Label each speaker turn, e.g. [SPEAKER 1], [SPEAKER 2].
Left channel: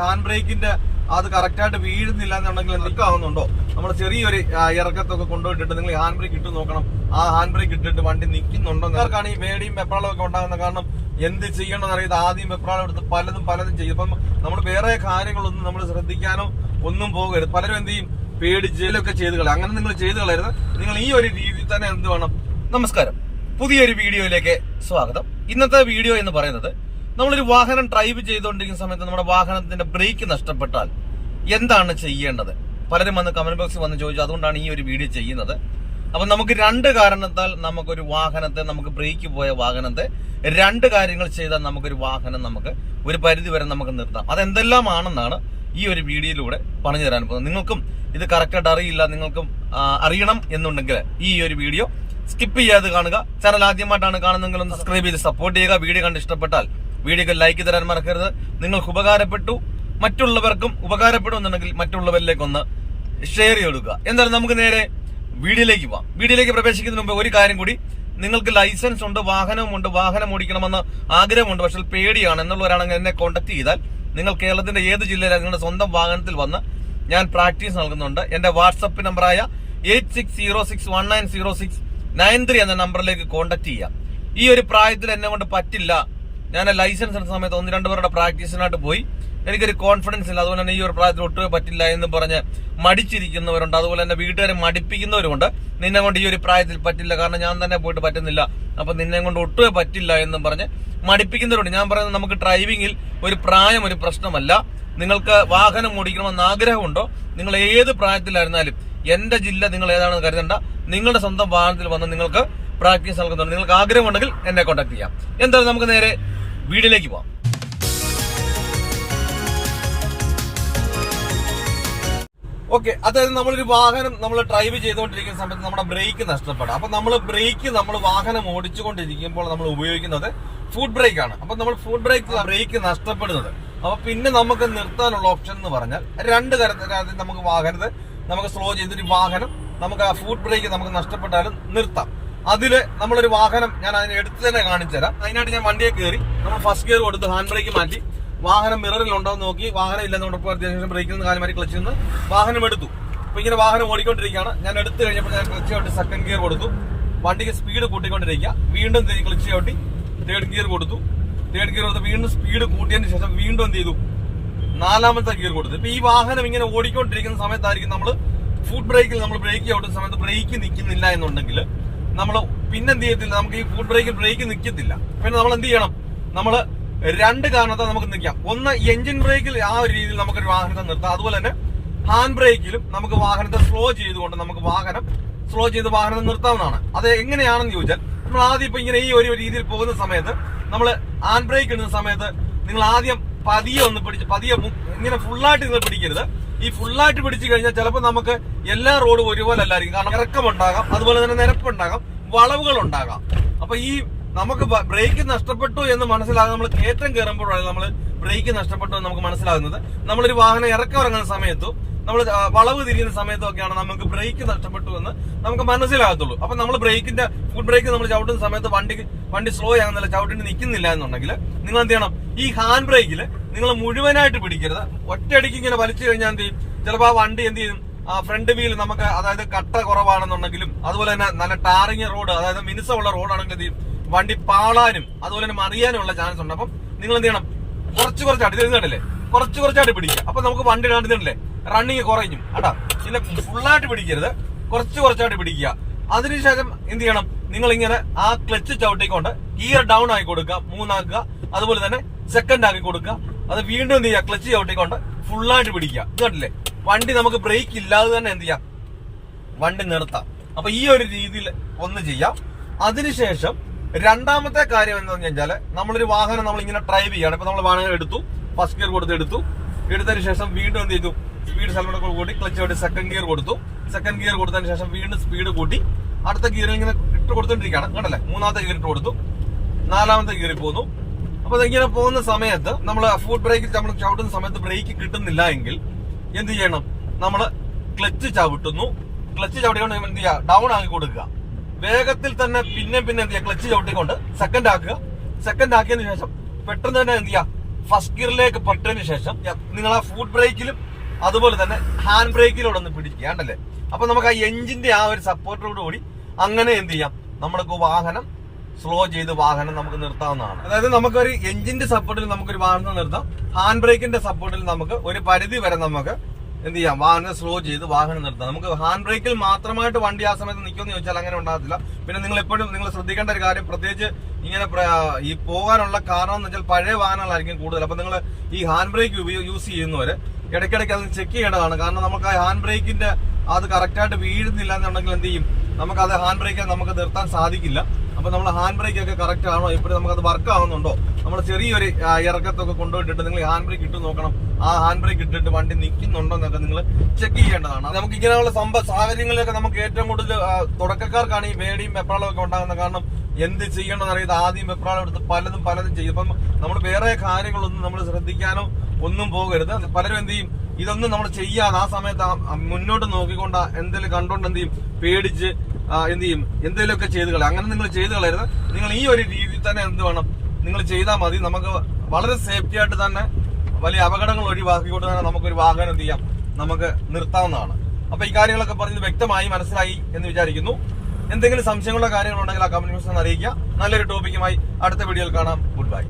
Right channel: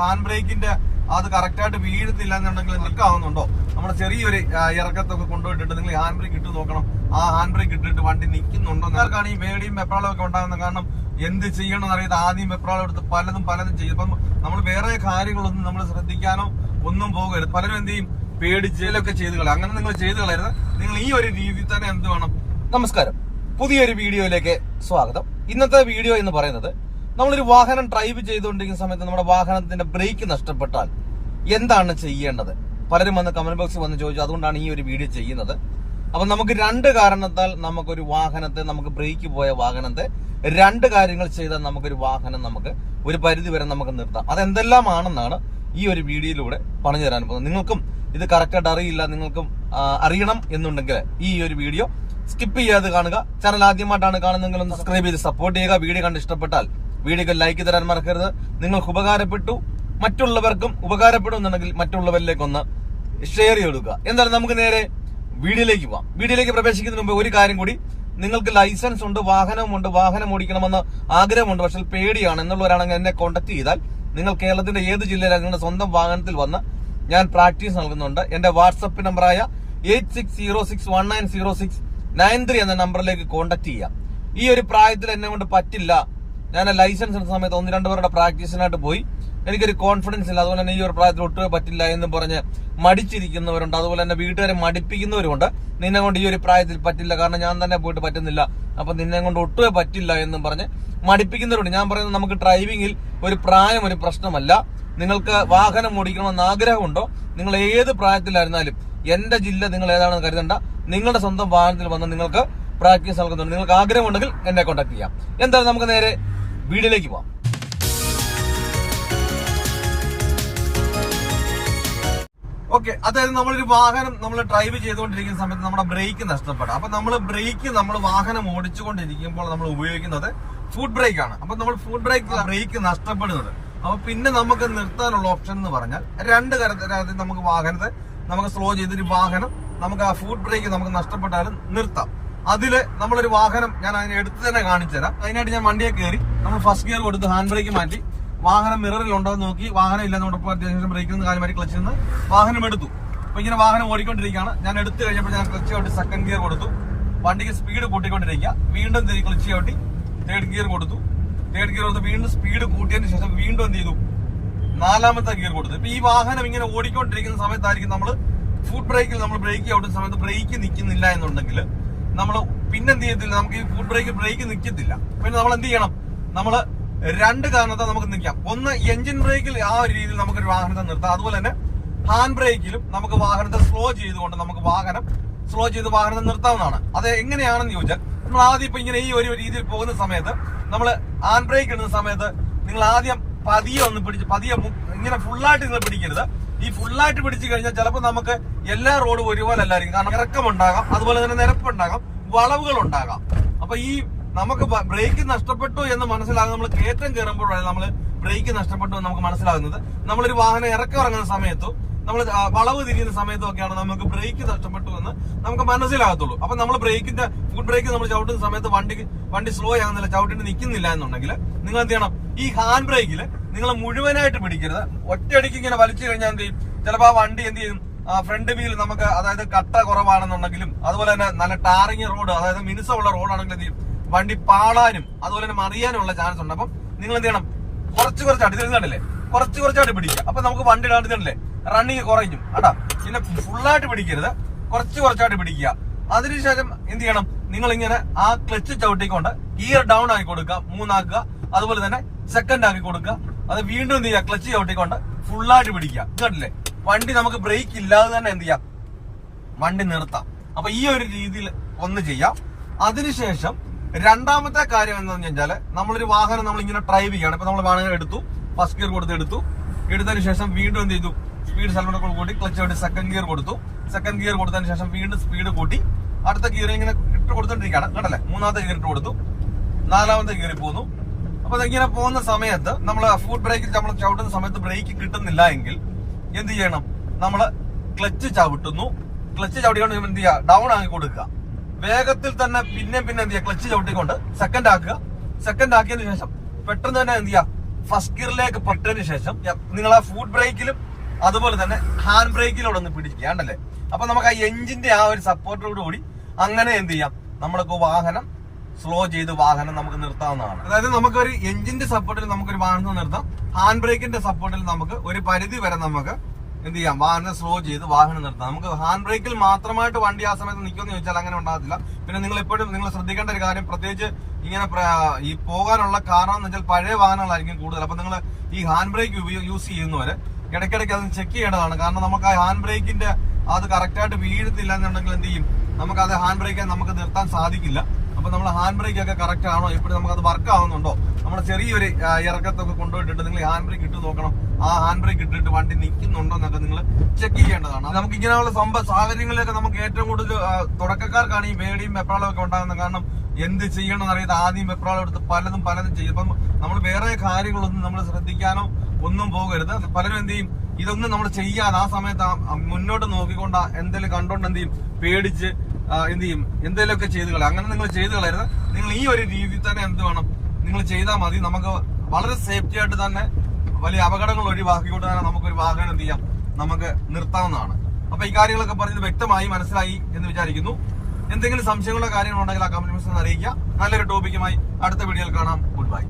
[SPEAKER 1] Hand ബ്രേക്കിന്റെ അത് correct ആയിട്ട് വീഴുന്നില്ല എന്നുണ്ടെങ്കിൽ നിൽക്കാവുന്നുണ്ടോ നമ്മൾ ചെറിയൊരു ഇറക്കത്തൊക്കെ കൊണ്ടുപോയിട്ടിട്ട് നിങ്ങൾ ഹാൻഡ് ബ്രേക്ക് ഇട്ട് നോക്കണം. ആ ഹാൻഡ് ബ്രേക്ക് ഇട്ടിട്ട് വണ്ടി നിൽക്കുന്നുണ്ടോ നിങ്ങൾക്കാണ് ഈ വേടിയും വെപ്രാളും ഒക്കെ കാരണം എന്ത് ചെയ്യണമെന്ന് അറിയാതെ ആദ്യം വെപ്രാളം എടുത്ത് പലതും പലതും ചെയ്യും. ഇപ്പം നമ്മൾ വേറെ കാര്യങ്ങളൊന്നും നമ്മൾ ശ്രദ്ധിക്കാനോ ഒന്നും പോകരുത്. പലരും എന്ത് ചെയ്യും? പേടിച്ചതിലൊക്കെ ചെയ്ത് കളയും. അങ്ങനെ നിങ്ങൾ ചെയ്ത് കളയരുത്. നിങ്ങൾ ഈ ഒരു രീതിയിൽ തന്നെ എന്ത് വേണം?
[SPEAKER 2] നമസ്കാരം. പുതിയൊരു വീഡിയോയിലേക്ക് സ്വാഗതം. ഇന്നത്തെ വീഡിയോ എന്ന് പറയുന്നത് നമ്മളൊരു വാഹനം ഡ്രൈവ് ചെയ്തുകൊണ്ടിരിക്കുന്ന സമയത്ത് നമ്മുടെ വാഹനത്തിന്റെ ബ്രേക്ക് നഷ്ടപ്പെട്ടാൽ എന്താണ് ചെയ്യേണ്ടത്? പലരും വന്ന് കമന്റ് ബോക്സിൽ വന്ന് ചോദിച്ചു അതുകൊണ്ടാണ് ഈ ഒരു വീഡിയോ ചെയ്യുന്നത്. അപ്പൊ നമുക്ക് രണ്ട് കാരണത്താൽ നമുക്കൊരു വാഹനത്തെ നമുക്ക് ബ്രേക്ക് പോയ വാഹനത്തെ രണ്ട് കാര്യങ്ങൾ ചെയ്താൽ നമുക്കൊരു വാഹനം നമുക്ക് ഒരു പരിധി വരെ നമുക്ക് നിർത്താം. അതെന്തെല്ലാമാണെന്നാണ് ഈ ഒരു വീഡിയോയിലൂടെ പറഞ്ഞു തരാൻ പോകുന്നത്. നിങ്ങൾക്കും ഇത് കറക്റ്റായിട്ട് അറിയില്ല നിങ്ങൾക്കും അറിയണം എന്നുണ്ടെങ്കിൽ ഈ ഒരു വീഡിയോ സ്കിപ്പ് ചെയ്യാതെ കാണുക. ചാനൽ ആദ്യമായിട്ടാണ് കാണുന്നതെങ്കിൽ ഒന്ന് സബ്സ്ക്രൈബ് ചെയ്ത് സപ്പോർട്ട് ചെയ്യുക. വീഡിയോ കണ്ട് ഇഷ്ടപ്പെട്ടാൽ വീഡിയോക്ക് ലൈക്ക് തരാൻ മറക്കരുത്. നിങ്ങൾക്ക് ഉപകാരപ്പെട്ടു മറ്റുള്ളവർക്കും ഉപകാരപ്പെടുമെന്നുണ്ടെങ്കിൽ മറ്റുള്ളവരിലേക്ക് ഒന്ന് ഷെയർ ചെയ്തെടുക്കുക. എന്തായാലും നമുക്ക് നേരെ വീഡിയോയിലേക്ക് പോവാം. വീഡിയോയിലേക്ക് പ്രവേശിക്കുന്നതിന് മുമ്പ് ഒരു കാര്യം കൂടി. നിങ്ങൾക്ക് ലൈസൻസ് ഉണ്ട് വാഹനവുമുണ്ട് വാഹനം ഓടിക്കണമെന്ന് ആഗ്രഹമുണ്ട് പക്ഷെ പേടിയാണ്. എന്നുള്ളവരാണെങ്കിൽ എന്നെ കോൺടാക്ട് ചെയ്താൽ നിങ്ങൾ കേരളത്തിന്റെ ഏത് ജില്ലയിലാണ് നിങ്ങളുടെ സ്വന്തം വാഹനത്തിൽ വന്ന് ഞാൻ പ്രാക്ടീസ് നൽകുന്നുണ്ട്. എന്റെ വാട്സപ്പ് നമ്പറായ eight six zero six one nine zero six nine three എന്ന നമ്പറിലേക്ക് കോൺടാക്ട് ചെയ്യാം ഈ ഒരു പ്രായത്തിൽ എന്നെ കൊണ്ട് പറ്റില്ല. ഞാൻ ലൈസൻസ് എടുത്ത സമയത്ത് ഒന്ന് രണ്ട് പേരുടെ പ്രാക്ടീസിനായിട്ട് പോയി. എനിക്കൊരു കോൺഫിഡൻസ് ഇല്ല. അതുപോലെ തന്നെ ഈ ഒരു പ്രായത്തിൽ ഒട്ടുമേ പറ്റില്ല എന്ന് പറഞ്ഞ് മടിച്ചിരിക്കുന്നവരുണ്ട്. അതുപോലെ തന്നെ വീട്ടുകാരെ മടിപ്പിക്കുന്നവരുമുണ്ട്. നിന്നെ കൊണ്ട് ഈ ഒരു പ്രായത്തിൽ പറ്റില്ല. കാരണം ഞാൻ തന്നെ പോയിട്ട് പറ്റുന്നില്ല. അപ്പൊ നിന്നെ കൊണ്ട് ഒട്ടുമേ പറ്റില്ല എന്നും പറഞ്ഞ് മടിപ്പിക്കുന്നവരുണ്ട്. ഞാൻ പറയുന്നത് നമുക്ക് ഡ്രൈവിംഗിൽ ഒരു പ്രായം ഒരു പ്രശ്നമല്ല. നിങ്ങൾക്ക് വാഹനം ഓടിക്കണമെന്ന് ആഗ്രഹമുണ്ടോ? നിങ്ങൾ ഏത് പ്രായത്തിലായിരുന്നാലും എന്റെ ജില്ല നിങ്ങൾ ഏതാണെന്ന് കരുതണ്ട. നിങ്ങളുടെ സ്വന്തം വാഹനത്തിൽ വന്ന് നിങ്ങൾക്ക് പ്രാക്ടീസ് നൽകുന്നുണ്ട്. നിങ്ങൾക്ക് ആഗ്രഹമുണ്ടെങ്കിൽ എന്നെ കോൺടാക്ട് ചെയ്യാം. എന്തായാലും നമുക്ക് നേരെ വീഡിയോയിലേക്ക് പോവാം.
[SPEAKER 1] ഓക്കെ അതായത് നമ്മളൊരു വാഹനം നമ്മൾ ഡ്രൈവ് ചെയ്തുകൊണ്ടിരിക്കുന്ന സമയത്ത് നമ്മുടെ ബ്രേക്ക് നഷ്ടപ്പെടാം. അപ്പൊ നമ്മൾ ബ്രേക്ക് നമ്മൾ വാഹനം ഓടിച്ചുകൊണ്ടിരിക്കുമ്പോൾ നമ്മൾ ഉപയോഗിക്കുന്നത് ഫുഡ് ബ്രേക്ക് ആണ്. അപ്പൊ നമ്മൾ ഫുഡ് ബ്രേക്ക് ബ്രേക്ക് നഷ്ടപ്പെടുന്നത്. അപ്പൊ പിന്നെ നമുക്ക് നിർത്താനുള്ള ഓപ്ഷൻ എന്ന് പറഞ്ഞാൽ രണ്ട് തരത്തിൽ നമുക്ക് വാഹനത്തെ നമുക്ക് സ്ലോ ചെയ്തൊരു വാഹനം നമുക്ക് ആ ഫുഡ് ബ്രേക്ക് നമുക്ക് നഷ്ടപ്പെട്ടാലും നിർത്താം. അതിൽ നമ്മളൊരു വാഹനം ഞാൻ അതിനെ എടുത്ത് തന്നെ കാണിച്ചു തരാം അതിനായിട്ട് ഞാൻ വണ്ടിയെ കയറി നമ്മൾ ഫസ്റ്റ് ഗിയർ കൊടുത്ത് ഹാൻഡ് ബ്രേക്ക് മാറ്റി വാഹനം മിററിൽ ഉണ്ടോ എന്ന് നോക്കി വാഹനം ഇല്ലെന്ന് ഉറപ്പ് അത്യാവശ്യം ബ്രേക്കിൽ നിന്ന് കാലം മാറ്റി നിന്ന് വാഹനം എടുത്തു. അപ്പൊ ഇങ്ങനെ വാഹനം ഓടിക്കൊണ്ടിരിക്കുകയാണ്. ഞാൻ എടുത്തു കഴിഞ്ഞപ്പോൾ ഞാൻ ക്ലച്ച് ചവിട്ടി സെക്കൻഡ് ഗിയർ കൊടുത്തു. വണ്ടിക്ക് സ്പീഡ് കൂട്ടിക്കൊണ്ടിരിക്കുക. വീണ്ടും ക്ലച്ച് ചവിട്ടി തേർഡ് ഗിയർ കൊടുത്തു. തേർഡ് ഗിയർ കൊടുത്ത് വീണ്ടും സ്പീഡ് കൂട്ടിയതിന് ശേഷം വീണ്ടും എന്ത് ചെയ്തു? നാലാമത്തെ ഗിയർ കൊടുത്തു. ഇപ്പൊ ഈ വാഹനം ഇങ്ങനെ ഓടിക്കൊണ്ടിരിക്കുന്ന സമയത്തായിരിക്കും നമ്മൾ ഫുഡ് ബ്രേക്കിൽ നമ്മൾ ബ്രേക്ക് ചവിട്ടുന്ന സമയത്ത് ബ്രേക്ക് നിൽക്കുന്നില്ല എന്നുണ്ടെങ്കിൽ നമ്മൾ പിന്നെ എന്ത് ചെയ്യത്തില്ല. നമുക്ക് ഈ ഫുഡ് ബ്രേക്കിൽ ബ്രേക്ക് നിൽക്കത്തില്ല പിന്നെ നമ്മൾ എന്ത് ചെയ്യണം? നമ്മൾ രണ്ട് കാരണത്താൽ നമുക്ക് നിൽക്കാം ഒന്ന് എഞ്ചിൻ ബ്രേക്കിൽ ആ ഒരു രീതിയിൽ നമുക്ക് ഒരു വാഹനത്തെ നിർത്താം. അതുപോലെ തന്നെ ഹാൻഡ് ബ്രേക്കിലും നമുക്ക് വാഹനത്തെ സ്ലോ ചെയ്തുകൊണ്ട് നമുക്ക് വാഹനം സ്ലോ ചെയ്ത് വാഹനം നിർത്താവുന്നതാണ്. അത് എങ്ങനെയാണെന്ന് ചോദിച്ചാൽ നമ്മൾ ആദ്യം ഇപ്പൊ ഇങ്ങനെ ഈ ഒരു രീതിയിൽ പോകുന്ന സമയത്ത് നമ്മൾ ഹാൻഡ് ബ്രേക്ക് ഇടുന്ന സമയത്ത് നിങ്ങൾ ആദ്യം പതിയെ ഒന്ന് പിടിച്ച് പതിയെ ഇങ്ങനെ ഫുള്ളായിട്ട് നിങ്ങൾ പിടിക്കരുത്. ഈ ഫുള്ളായിട്ട് പിടിച്ചു കഴിഞ്ഞാൽ ചിലപ്പോൾ നമുക്ക് എല്ലാ റോഡും ഒരുപോലെ അല്ലായിരിക്കും കാരണം ഇറക്കമുണ്ടാകാം അതുപോലെ തന്നെ നിരപ്പുണ്ടാകാം വളവുകൾ ഉണ്ടാകാം അപ്പൊ ഈ നമുക്ക് ബ്രേക്ക് നഷ്ടപ്പെട്ടു എന്ന് മനസ്സിലാകും നമ്മൾ കയറ്റം കയറുമ്പോഴാണ് നമ്മൾ ബ്രേക്ക് നഷ്ടപ്പെട്ടു എന്ന് നമുക്ക് മനസ്സിലാകുന്നത്. നമ്മളൊരു വാഹനം ഇറക്കം ഇറങ്ങുന്ന സമയത്തും നമ്മൾ വളവ് തിരിയുന്ന സമയത്തൊക്കെയാണ് നമുക്ക് ബ്രേക്ക് നഷ്ടപ്പെട്ടു എന്ന് നമുക്ക് മനസ്സിലാകത്തുള്ളൂ. അപ്പൊ നമ്മൾ ബ്രേക്കിന്റെ ഫുഡ് ബ്രേക്ക് നമ്മൾ ചവിട്ടുന്ന സമയത്ത് വണ്ടി വണ്ടി സ്ലോ ആകുന്നില്ല ചവിട്ടിന് നിൽക്കുന്നില്ല എന്നുണ്ടെങ്കിൽ നിങ്ങൾ എന്ത് ചെയ്യണം? ഈ ഹാൻഡ് ബ്രേക്കിൽ നിങ്ങൾ മുഴുവനായിട്ട് പിടിക്കരുത്. ഒറ്റയടിക്ക് ഇങ്ങനെ വലിച്ചു കഴിഞ്ഞാൽ എന്ത് ചെയ്യും? ചിലപ്പോൾ ആ വണ്ടി എന്ത് ചെയ്യും? ഫ്രണ്ട് വീൽ നമുക്ക് അതായത് കട്ട കുറവാണെന്നുണ്ടെങ്കിലും അതുപോലെ തന്നെ നല്ല ടാറിങ് റോഡ് അതായത് മിനുസമുള്ള റോഡാണെങ്കിൽ എന്ത് ചെയ്യും? വണ്ടി പാളാനും അതുപോലെ തന്നെ മറിയാനും ഉള്ള ചാൻസ് ഉണ്ട്. അപ്പം നിങ്ങൾ എന്ത് ചെയ്യണം? കുറച്ച് കുറച്ചായിട്ട് ഇത് കണ്ടില്ലേ? കുറച്ച് കുറച്ചായിട്ട് പിടിക്കുക. അപ്പൊ നമുക്ക് വണ്ടി കണ്ടില്ലേ റണ്ണിങ് കുറയും കേട്ടോ പിന്നെ ഫുള്ളായിട്ട് പിടിക്കരുത്. കുറച്ച് കുറച്ചായിട്ട് പിടിക്കുക. അതിനുശേഷം എന്ത് ചെയ്യണം? നിങ്ങൾ ഇങ്ങനെ ആ ക്ലച്ച് ചവിട്ടിക്കൊണ്ട് ഗിയർ ഡൗൺ ആക്കി കൊടുക്കുക. മൂന്നാക്കുക. അതുപോലെ തന്നെ സെക്കൻഡ് ആക്കി കൊടുക്കുക. അത് വീണ്ടും എന്ത് ചെയ്യുക? ക്ലച്ച് ചവിട്ടിക്കൊണ്ട് ഫുള്ളായിട്ട് പിടിക്കുക. കേട്ടില്ലേ വണ്ടി നമുക്ക് ബ്രേക്ക് ഇല്ലാതെ തന്നെ എന്ത് ചെയ്യാം? വണ്ടി നിർത്താം. അപ്പൊ ഈ ഒരു രീതിയിൽ ഒന്ന് ചെയ്യാം. അതിനുശേഷം രണ്ടാമത്തെ കാര്യം എന്താണെന്ന് വെച്ചാൽ നമ്മളൊരു വാഹനം നമ്മൾ ഇങ്ങനെ ഡ്രൈവ് ചെയ്യാണ്. ഇപ്പൊ നമ്മൾ വാഹനം എടുത്തു. ഫസ്റ്റ് ഗിയർ കൊടുത്ത് എടുത്തു. എടുത്തതിന് ശേഷം വീണ്ടും എന്ത് ചെയ്തു? സ്പീഡ് സൽമൺ കൂട്ടി ക്ലച്ച് വേണ്ടി സെക്കൻഡ് ഗിയർ കൊടുത്തു. സെക്കൻഡ് ഗിയർ കൊടുത്തതിന് ശേഷം വീണ്ടും സ്പീഡ് കൂട്ടി. അടുത്ത ഗിയർ ഇങ്ങനെ ഇട്ട് കൊടുത്തോണ്ടിരിക്കുകയാണ്. കേട്ടല്ലേ മൂന്നാമത്തെ ഗിയർ ഇട്ട് കൊടുത്തു. നാലാമത്തെ ഗിയറിൽ പോന്നു. അപ്പൊ ഇങ്ങനെ പോകുന്ന സമയത്ത് നമ്മൾ ഫുഡ് ബ്രേക്ക് നമ്മൾ ചവിട്ടുന്ന സമയത്ത് ബ്രേക്ക് കിട്ടുന്നില്ല എങ്കിൽ എന്ത് ചെയ്യണം? നമ്മൾ ക്ലച്ച് ചവിട്ടുന്നു. ക്ലച്ച് ചവിട്ടിക്കൊണ്ട് എന്ത് ചെയ്യുക? ഡൗൺ ആക്കി കൊടുക്കുക. വേഗത്തിൽ തന്നെ പിന്നെ പിന്നെ എന്ത് ചെയ്യുക? ക്ലച്ച് ചവിട്ടിക്കൊണ്ട് സെക്കൻഡ് ആക്കുക. സെക്കൻഡ് ആക്കിയതിനു ശേഷം പെട്ടെന്ന് തന്നെ എന്ത് ചെയ്യുക? ഫസ്റ്റ് ഗിയറിലേക്ക് പെട്ടതിന് ശേഷം നിങ്ങൾ ആ ഫുഡ് ബ്രേക്കിലും അതുപോലെ തന്നെ ഹാൻഡ് ബ്രേക്കിലൂടെ ഒന്ന് പിടിക്കുക ഉണ്ടല്ലേ അപ്പൊ നമുക്ക് ആ എഞ്ചിന്റെ ആ ഒരു സപ്പോർട്ടോട് കൂടി അങ്ങനെ എന്ത് ചെയ്യാം? നമ്മൾക്ക് വാഹനം സ്ലോ ചെയ്ത് വാഹനം നമുക്ക് നിർത്താവുന്നതാണ്. അതായത് നമുക്ക് ഒരു എഞ്ചിന്റെ സപ്പോർട്ടിൽ നമുക്ക് ഒരു വാഹനം നിർത്താം. ഹാൻഡ് ബ്രേക്കിന്റെ സപ്പോർട്ടിൽ നമുക്ക് ഒരു പരിധി വരെ നമുക്ക് എന്ത് ചെയ്യാം? വാഹനം സ്ലോ ചെയ്ത് വാഹനം നിർത്താം. നമുക്ക് ഹാൻഡ് ബ്രേക്കിൽ മാത്രമായിട്ട് വണ്ടി ആ സമയത്ത് നിൽക്കുമെന്ന് ചോദിച്ചാൽ അങ്ങനെ ഉണ്ടാകത്തില്ല. പിന്നെ നിങ്ങൾ എപ്പോഴും നിങ്ങൾ ശ്രദ്ധിക്കേണ്ട ഒരു കാര്യം പ്രത്യേകിച്ച് ഇങ്ങനെ ഈ പോകാനുള്ള കാരണം എന്ന് വെച്ചാൽ പഴയ വാഹനങ്ങളായിരിക്കും കൂടുതൽ. അപ്പൊ നിങ്ങൾ ഈ ഹാൻഡ് ബ്രേക്ക് യൂസ് ചെയ്യുന്നവര് ഇടയ്ക്കിടയ്ക്ക് അത് ചെക്ക് ചെയ്യേണ്ടതാണ്. കാരണം നമുക്ക് ആ ഹാൻഡ് ബ്രേക്കിന്റെ അത് കറക്റ്റായിട്ട് വീഴുന്നില്ല എന്നുണ്ടെങ്കിൽ എന്ത് ചെയ്യും? നമുക്ക് അത് ഹാൻഡ് ബ്രേക്ക് നമുക്ക് നിർത്താൻ സാധിക്കില്ല. അപ്പൊ നമ്മൾ ഹാൻഡ് ബ്രേക്ക് ഒക്കെ കറക്റ്റ് ആണോ? എപ്പോഴും നമുക്ക് അത് വർക്ക് ആവുന്നുണ്ടോ? നമ്മൾ ചെറിയൊരു ഇറക്കത്തൊക്കെ കൊണ്ടുപോയിട്ടിട്ട് നിങ്ങൾ ഹാൻഡ് ബ്രേക്ക് ഇട്ട് നോക്കണം. ആ ഹാൻഡ് ബ്രേക്ക് ഇട്ടിട്ട് വണ്ടി നിൽക്കുന്നുണ്ടോ എന്നൊക്കെ നിങ്ങൾ ചെക്ക് ചെയ്യേണ്ടതാണ്. നമുക്ക് ഇങ്ങനെയുള്ള സംഭവ സാഹചര്യങ്ങളിലൊക്കെ നമുക്ക് ഏറ്റവും കൂടുതൽ തുടക്കക്കാർക്കാണ് ഈ വേടിയും വെപ്രാളും ഒക്കെ ഉണ്ടാകുന്നത്. കാരണം എന്ത് ചെയ്യണമെന്ന് അറിയാതെ ആദ്യം വെപ്രാളം എടുത്ത് പലതും പലതും ചെയ്യും. ഇപ്പം നമ്മൾ വേറെ കാര്യങ്ങളൊന്നും നമ്മൾ ശ്രദ്ധിക്കാനോ ഒന്നും പോകരുത്. പലരും എന്ത് ചെയ്യും? ഇതൊന്നും നമ്മൾ ചെയ്യാതെ ആ സമയത്ത് മുന്നോട്ട് നോക്കിക്കൊണ്ട് എന്തെങ്കിലും കണ്ടോണ്ട് എന്ത് ചെയ്യും? പേടിച്ച് എന്ത് ചെയ്യും? എന്തെങ്കിലുമൊക്കെ ചെയ്ത് കളയും. അങ്ങനെ നിങ്ങൾ ചെയ്ത് കളയരുത്. നിങ്ങൾ ഈ ഒരു രീതിയിൽ തന്നെ എന്ത് വേണം? നിങ്ങൾ ചെയ്താൽ മതി. നമുക്ക് വളരെ സേഫ്റ്റി ആയിട്ട് തന്നെ വലിയ അപകടങ്ങൾ ഒഴിവാക്കിക്കൊണ്ട് തന്നെ നമുക്കൊരു വാഹനം എന്ത് ചെയ്യാം? നമുക്ക് നിർത്താവുന്നതാണ്. അപ്പൊ ഈ കാര്യങ്ങളൊക്കെ പറഞ്ഞത് വ്യക്തമായി മനസ്സിലായി എന്ന് വിചാരിക്കുന്നു. എന്തെങ്കിലും സംശയങ്ങളുള്ള കാര്യങ്ങളുണ്ടെങ്കിൽ ആ കമന്റ് ബോക്സിൽ അറിയിക്കുക. നല്ലൊരു ടോപ്പിക്കുമായി അടുത്ത വീഡിയോയിൽ കാണാം. Good by